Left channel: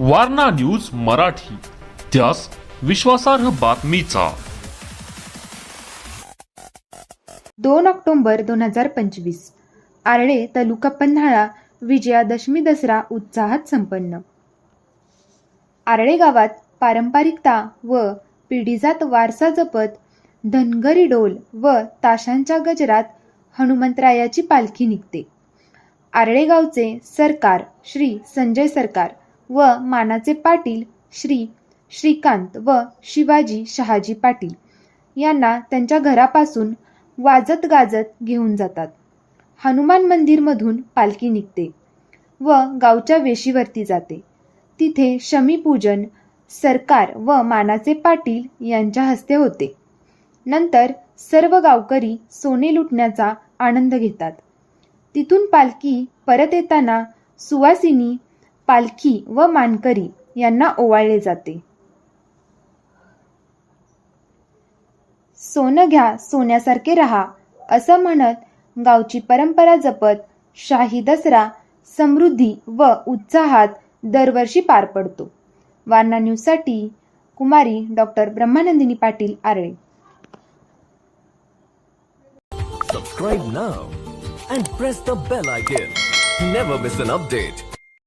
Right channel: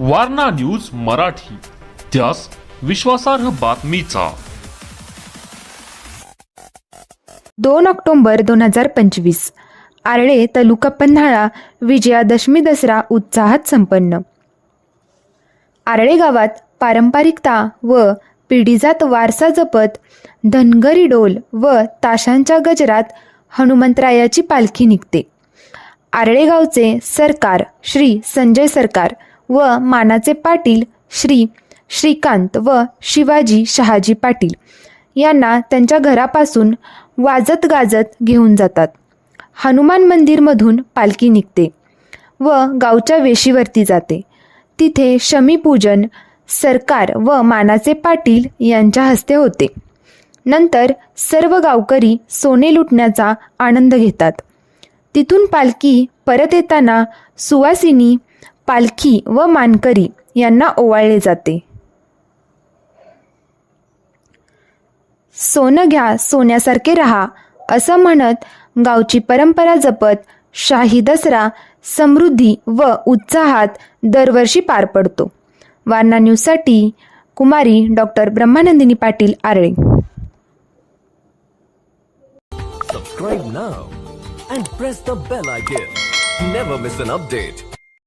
Warna news Marathi त्यास विश्वासार्ह बातमीचा. दोन ऑक्टोंबर दोन हजार पंचवीस आरळे तालुका पन्हाळा विजयादशमी दसरा उत्साहात संपन्न. आरळे गावात पारंपरिकता व पिढीजात वारसा जपत धनगरी डोल व ताशांच्या गजरात हनुमंतरायाची पालखी निघते. आर्ळेगावचे सरकार श्री संजय सरकार व मानाचे पाटील श्री श्रीकांत व शिवाजी शहाजी पाटील यांना त्यांच्या घरापासून वाजत गाजत घेऊन जातात. हनुमान मंदिरमधून पालखी निघते व गावच्या वेशीवरती जाते. तिथे शमीपूजन सरकार व मानाचे पाटील यांच्या हस्ते होते. नंतर सर्व गावकरी सोने लुटण्याचा आनंद घेतात. तिथून पालखी परत येताना सुवासिनी पालखी व मानकरी यांना ओवाळले जाते. सोनं घ्या सोन्यासारखे रहा असं म्हणत गावची परंपरा जपत शाही दसरा समृद्धी व उत्साहात दरवर्षी पार पडतो. वारणा न्यूजसाठी कुमारी doctor Brahmanandini Patil Arale. Subscribe now and press the bell icon never miss an update